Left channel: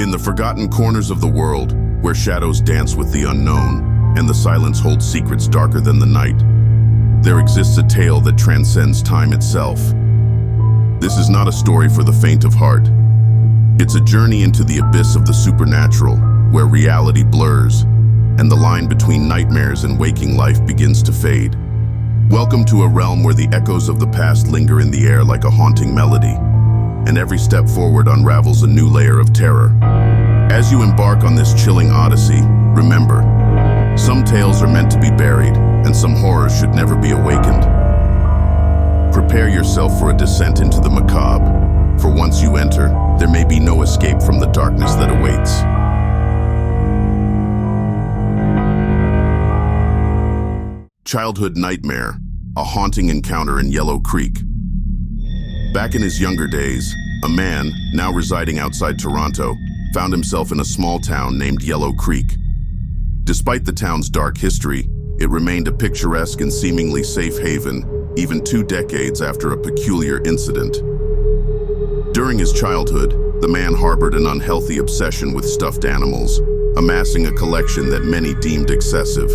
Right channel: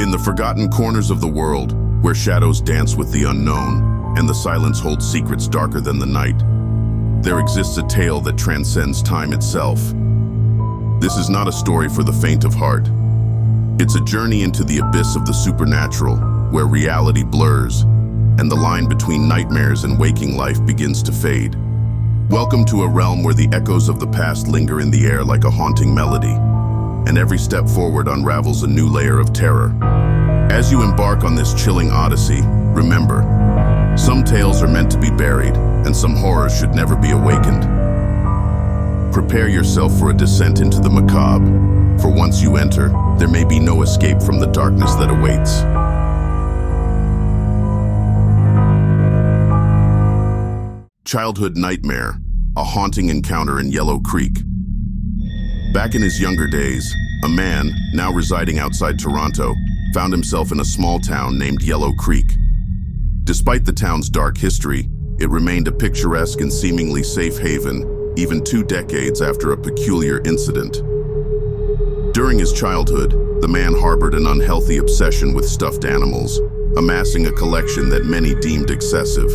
In the forgotten corners of the world, where shadows dance with the unknown, and the silence holds secrets darker than the night, there exists a tale that transcends time itself. This is not a story for the faint of heart. It's a journey into the abyss of the supernatural, where reality blurs, and the line between nightmares and waking life begins to fade. Welcome to a realm where the echoes of the past linger in the air like a haunting melody, and every step forward unravels a new layer of terror. As you embark on this chilling odyssey, remember, some tales are meant to be buried, and some horrors should never be awakened. Prepare yourself for a descent into the macabre, for once you enter, there may be no escape from the darkness that awaits. Childhood nightmare, a haunting encounter in Yellow Creek. Back in his younger days, a man, now residing outside Toronto, found himself in a small town named Yellow Creek. Despite the town's dark history, it remained a picturesque and seemingly safe haven, even 2 decades after a peculiar incident. During his childhood, the man harbored an unhealthy obsession with stuffed animals, amassing a collection that many deemed excessive.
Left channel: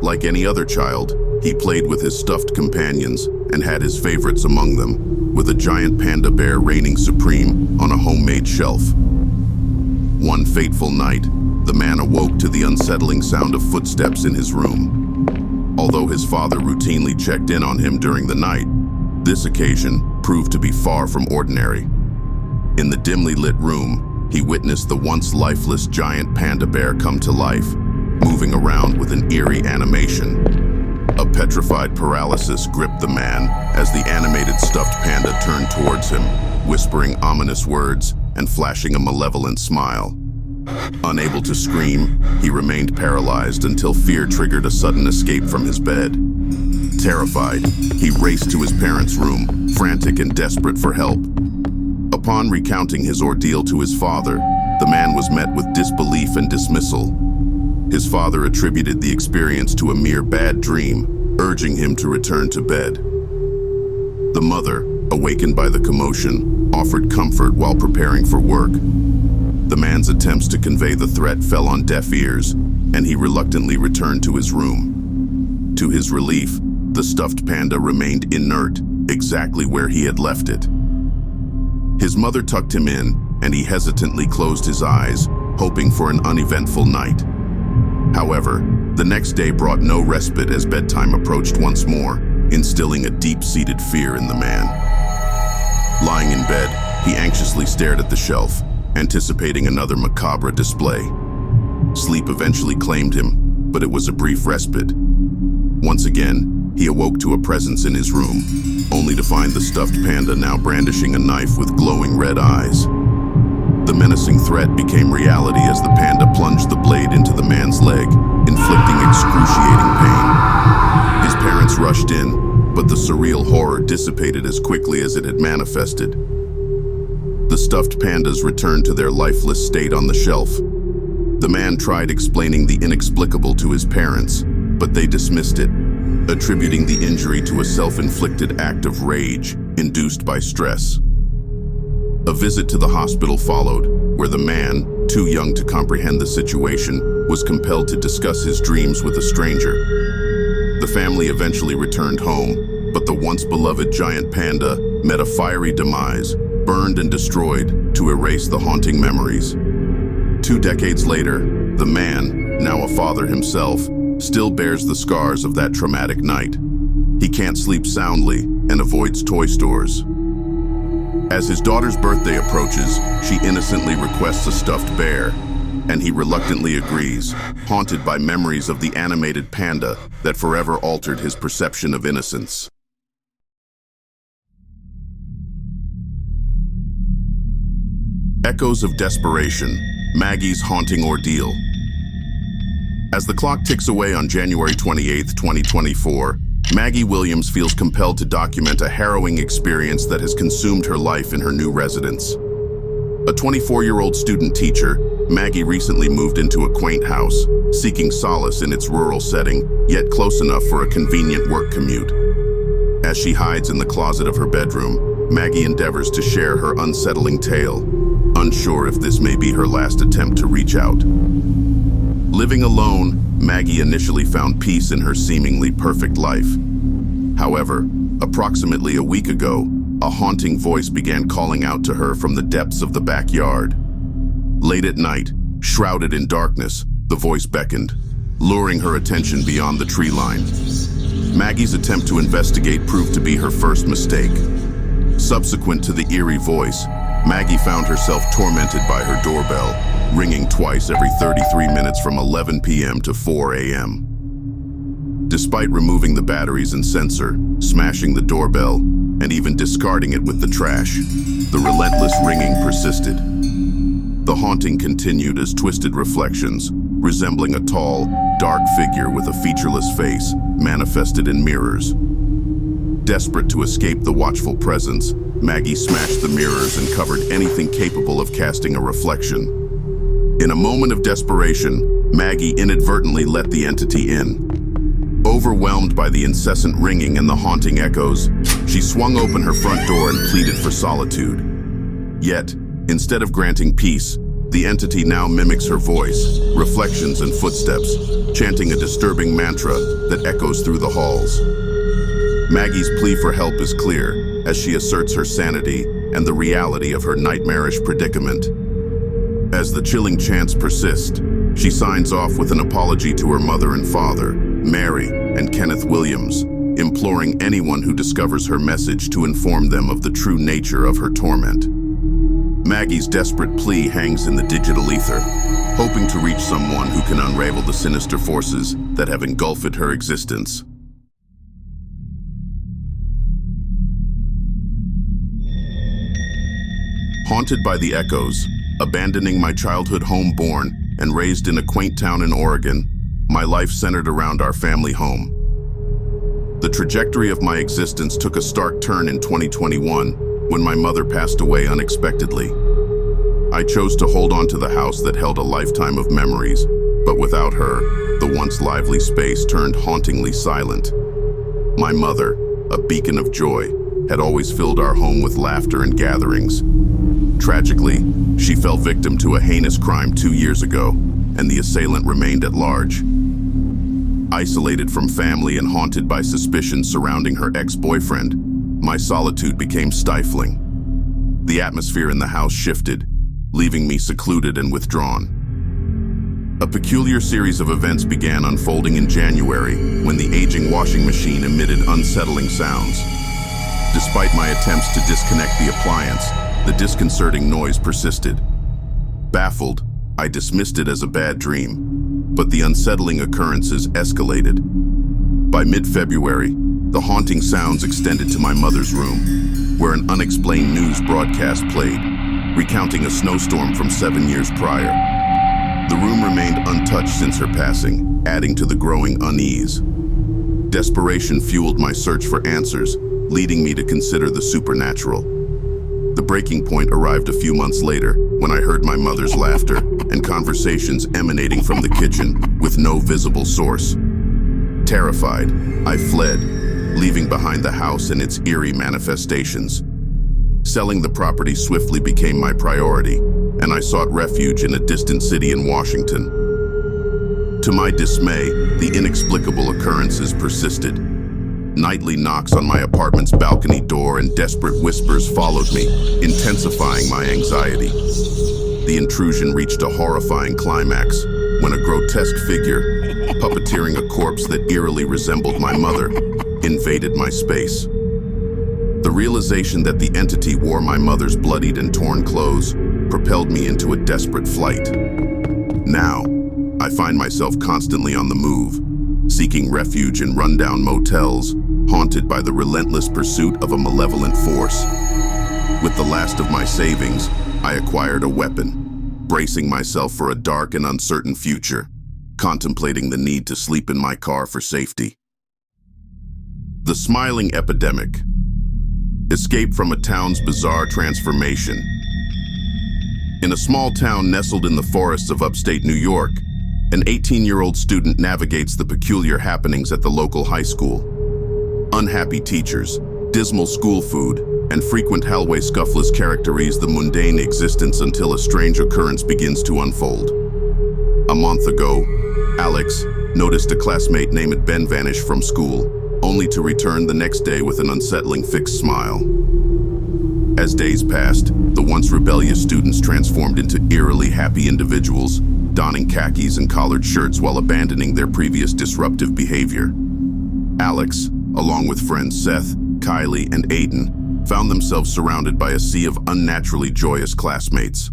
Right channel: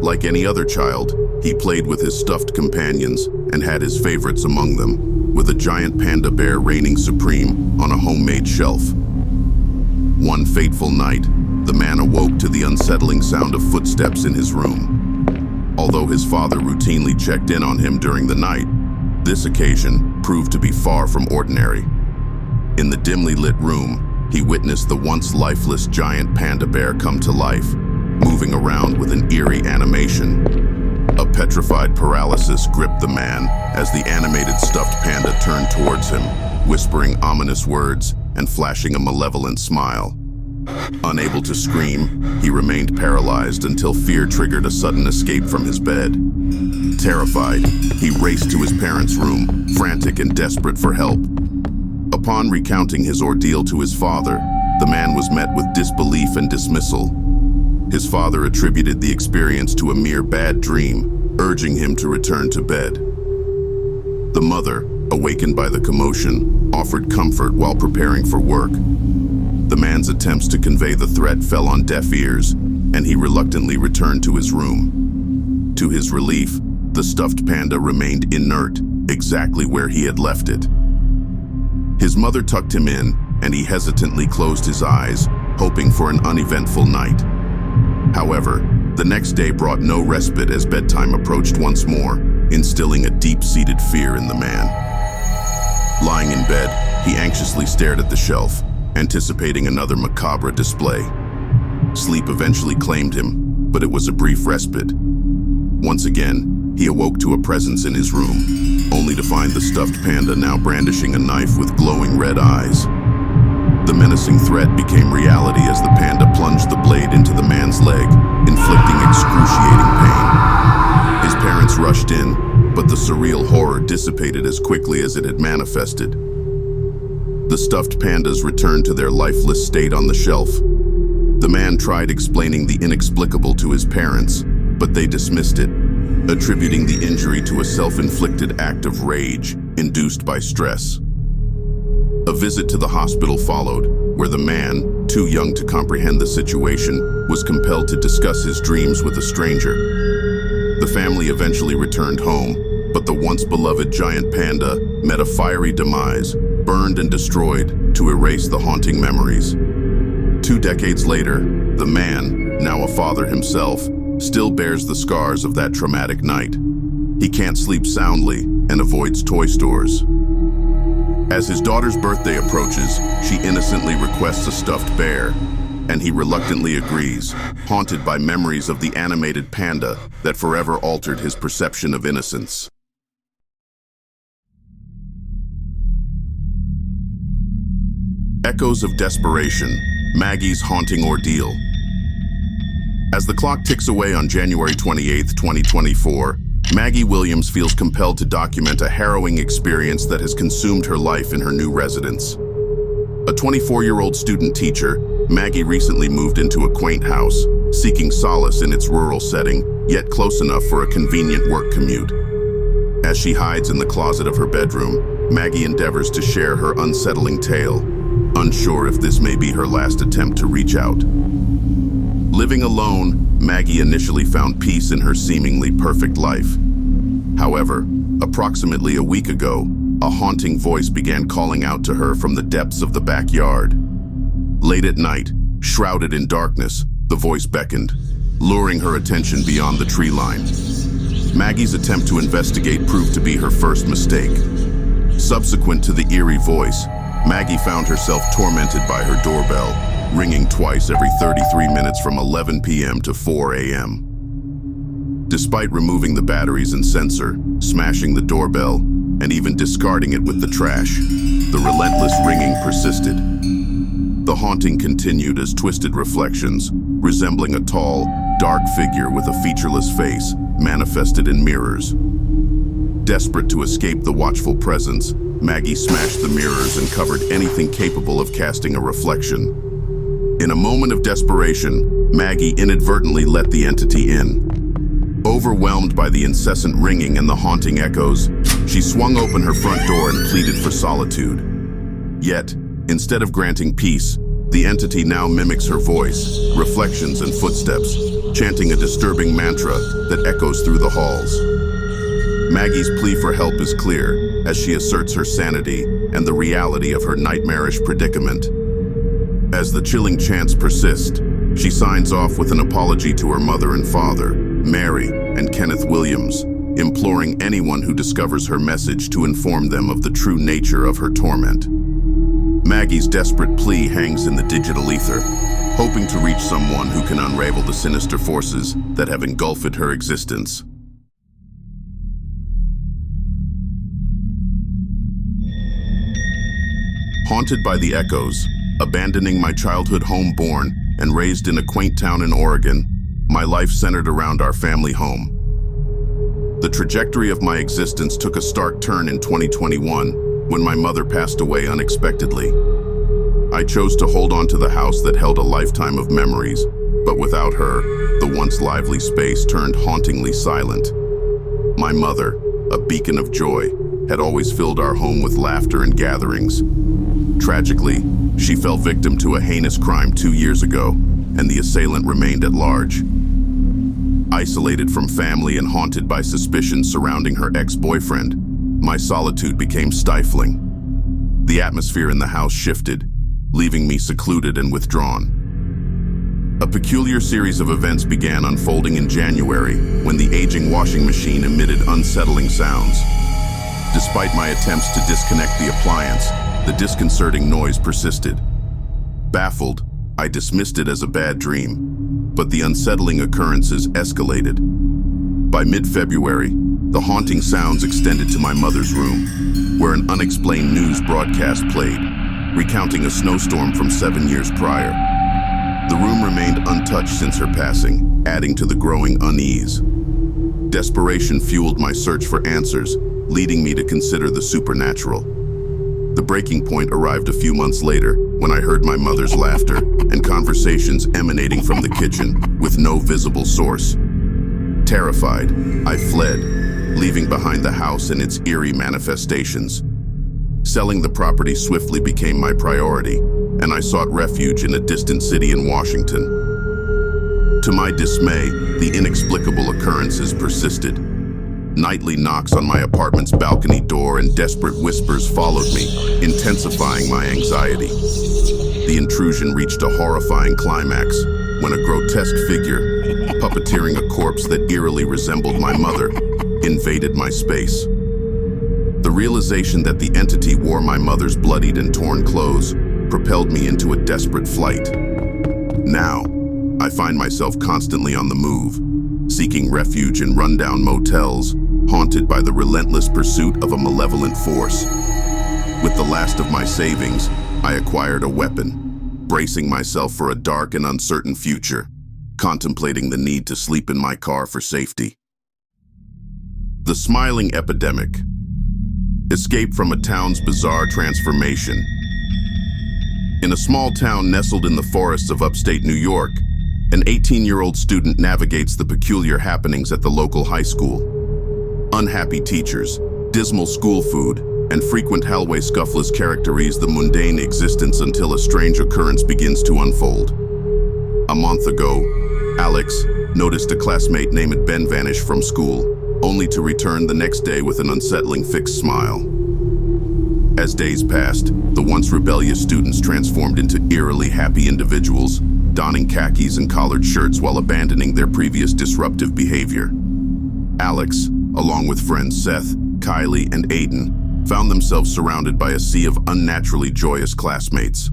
Like any other child, he played with his stuffed companions and had his favorites among them, with a giant panda bear reigning supreme on a homemade shelf. One fateful night, the man awoke to the unsettling sound of footsteps in his room. Although his father routinely checked in on him during the night, this occasion proved to be far from ordinary. In the dimly lit room, he witnessed the once lifeless giant panda bear come to life, moving around with an eerie animation. A petrified paralysis gripped the man as the animated stuffed panda turned towards him, whispering ominous words and flashing a malevolent smile. Unable to scream, he remained paralyzed until fear triggered a sudden escape from his bed. Terrified, he raced to his parents' room, frantic and desperate for help. Upon recounting his ordeal to his father, the man was met with disbelief and dismissal. His father attributed the experience to a mere bad dream, urging him to return to bed. The mother, awakened by the commotion, offered comfort while preparing for work. The man's attempts to convey the threat fell on deaf ears, and he reluctantly returned to his room. To his relief, the stuffed panda remained inert, exactly where he had left it. His mother tucked him in, and he hesitantly closed his eyes, hoping for an uneventful night. However, the next day brought no respite as bedtime approached once more, instilling a deep-seated fear in the man. Lying in bed, he anxiously stared at the shelf, anticipating another macabre display. Sleep eventually claimed him, but it was a brief respite. Once again, he awoke to a presence in his room, only to find the stuffed panda now brandishing a knife with glowing red eyes. The menacing threat became reality as the panda plunged the blade into the man's leg, inflicting excruciating pain. His parents rushed in, but the surreal horror dissipated as quickly as it had manifested. The stuffed pandas returned to their lifeless state on the shelf. The man tried explaining the inexplicable to his parents, but they dismissed it, attributing the injury to a self-inflicted act of rage induced by stress. A visit to the hospital followed, where the man, too young to comprehend the situation, was compelled to discuss his dreams with a stranger. The family eventually returned home, but the once beloved giant panda met a fiery demise, burned and destroyed to erase the haunting memories. 2 decades later, the man, now a father himself, still bears the scars of that traumatic night. He can't sleep soundly and avoids toy stores. As his daughter's birthday approaches, she innocently requests a stuffed bear, and he reluctantly agrees, haunted by memories of the animated panda that forever altered his perception of innocence. Echoes of desperation, Maggie's haunting ordeal. As the clock ticks away on January 28, 2024, Maggie Williams feels compelled to document a harrowing experience that has consumed her life in her new residence. A 24-year-old student teacher, Maggie recently moved into a quaint house, seeking solace in its rural setting, yet close enough for a convenient work commute. As she hides in the closet of her bedroom, Maggie endeavors to share her unsettling tale, unsure if this may be her last attempt to reach out. Living alone, Maggie initially found peace in her seemingly perfect life. However, approximately a week ago, a haunting voice began calling out to her from the depths of the backyard. Late at night, shrouded in darkness, the voice beckoned, luring her attention beyond the tree line. Maggie's attempt to investigate proved to be her first mistake. Subsequent to the eerie voice, Maggie found herself tormented by her doorbell, ringing twice every 33 minutes from 11 p.m. to 4 a.m. Despite removing the batteries and sensor, smashing the doorbell, and even discarding it with the trash, the relentless ringing persisted. The haunting continued as twisted reflections, resembling a tall, dark figure with a featureless face, manifested in mirrors. Desperate to escape the watchful presence, Maggie smashed the mirrors and covered anything capable of casting a reflection. In a moment of desperation, Maggie inadvertently let the entity in. Overwhelmed by the incessant ringing and the haunting echoes, she swung open her front door and pleaded for solitude. Yet, instead of granting peace, the entity now mimics her voice, reflections, and footsteps, chanting a disturbing mantra that echoes through the halls. Maggie's plea for help is clear, as she asserts her sanity and the reality of her nightmarish predicament. As the chilling chants persist, she signs off with an apology to her mother and father, Mary and Kenneth Williams, imploring anyone who discovers her message to inform them of the true nature of her torment. Maggie's desperate plea hangs in the digital ether, hoping to reach someone who can unravel the sinister forces that have engulfed her existence. Haunted by the echoes, abandoning my childhood home born and raised in a quaint town in Oregon, my life centered around our family home. The trajectory of my existence took a stark turn in 2021 when my mother passed away unexpectedly. I chose to hold on to the house that held a lifetime of memories, but without her, the once lively space turned hauntingly silent. My mother, a beacon of joy, had always filled our home with laughter and gatherings. Tragically, she fell victim to a heinous crime 2 years ago, and the assailant remained at large. Isolated from family and haunted by suspicions surrounding her ex-boyfriend, my solitude became stifling. The atmosphere in the house shifted, leaving me secluded and withdrawn. A peculiar series of events began unfolding in January when the aging washing machine emitted unsettling sounds. Despite my attempts to disconnect the appliance, the disconcerting noise persisted. Baffled, I dismissed it as a bad dream, but the unsettling occurrences escalated. By mid-February, the haunting sounds extended to my mother's room, where an unexplained news broadcast played, recounting a snowstorm from 7 years prior. The room remained untouched since her passing, adding to the growing unease. Desperation fueled my search for answers, leading me to consider the supernatural. The breaking point arrived a few months later when I heard my mother's laughter and conversations emanating from the kitchen with no visible source. Terrified, I fled, leaving behind the house and its eerie manifestations. Selling the property swiftly became my priority, and I sought refuge in a distant city in Washington. To my dismay, the inexplicable occurrences persisted. Nightly knocks on my apartment's balcony door and desperate whispers followed me, intensifying my anxiety. The intrusion reached a horrifying climax when a grotesque figure, puppeteering a corpse that eerily resembled my mother, invaded my space. The realization that the entity wore my mother's bloodied and torn clothes propelled me into a desperate flight. Now, I find myself constantly on the move, seeking refuge in rundown motels, haunted by the relentless pursuit of a malevolent force. With the last of my savings, I acquired a weapon, bracing myself for a dark and uncertain future, contemplating the need to sleep in my car for safety. The smiling epidemic. Escape from a town's bizarre transformation. In a small town nestled in the forests of upstate New York, an 18-year-old student navigates the peculiar happenings at the local high school. Unhappy teachers, dismal school food, and frequent hallway scuffles characterize the mundane existence until a strange occurrence begins to unfold. A month ago, Alex noticed a classmate named Ben vanish from school, only to return the next day with an unsettling fixed smile. As days passed, the once rebellious students transformed into eerily happy individuals, donning khakis and collared shirts while abandoning their previous disruptive behavior. Alex, along with friends Seth, Kylie, and Aiden, found themselves surrounded by a sea of unnaturally joyous classmates.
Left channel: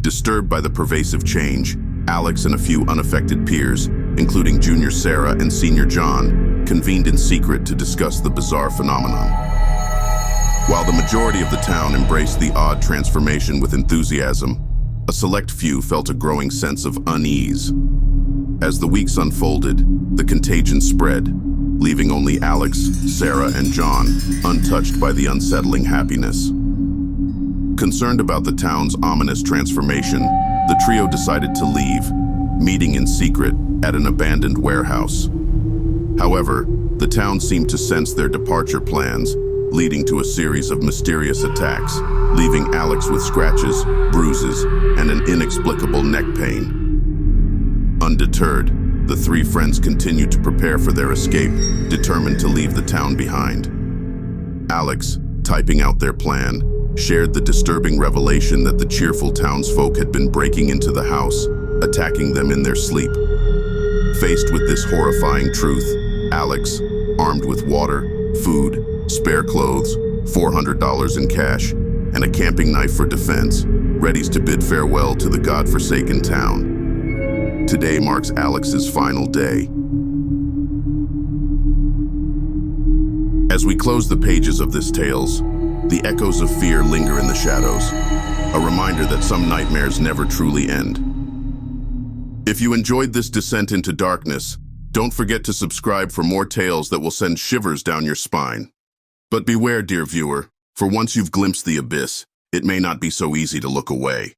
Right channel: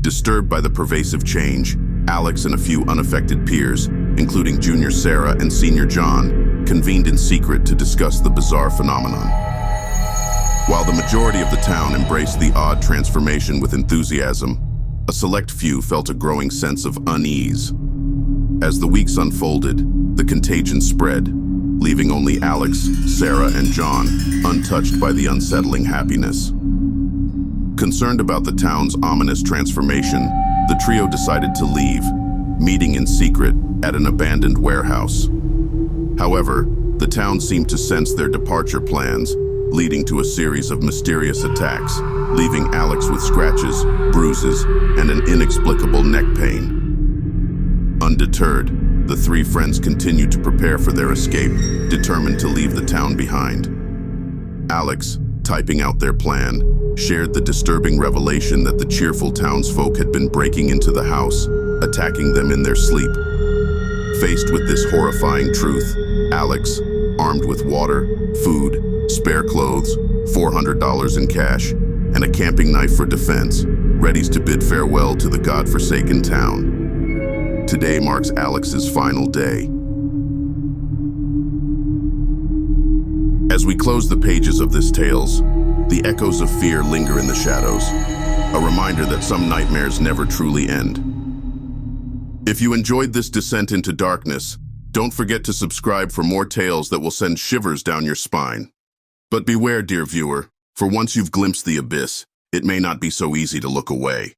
Disturbed by the pervasive change, Alex and a few unaffected peers, including junior Sarah and senior John, convened in secret to discuss the bizarre phenomenon. While the majority of the town embraced the odd transformation with enthusiasm, a select few felt a growing sense of unease. As the weeks unfolded, the contagion spread, leaving only Alex, Sarah, and John untouched by the unsettling happiness. Concerned about the town's ominous transformation, the trio decided to leave, meeting in secret at an abandoned warehouse. However, the town seemed to sense their departure plans, leading to a series of mysterious attacks, leaving Alex with scratches, bruises, and an inexplicable neck pain. Undeterred, the three friends continued to prepare for their escape, determined to leave the town behind. Alex, typing out their plan, shared the disturbing revelation that the cheerful townsfolk had been breaking into the house, attacking them in their sleep. Faced with this horrifying truth, Alex, armed with water, food, spare clothes, $400 in cash, and a camping knife for defense, readies to bid farewell to the godforsaken town. Today marks Alex's final day. As we close the pages of this tales, the echoes of fear linger in the shadows, a reminder that some nightmares never truly end. If you enjoyed this descent into darkness, don't forget to subscribe for more tales that will send shivers down your spine. But beware, dear viewer, for once you've glimpsed the abyss, it may not be so easy to look away.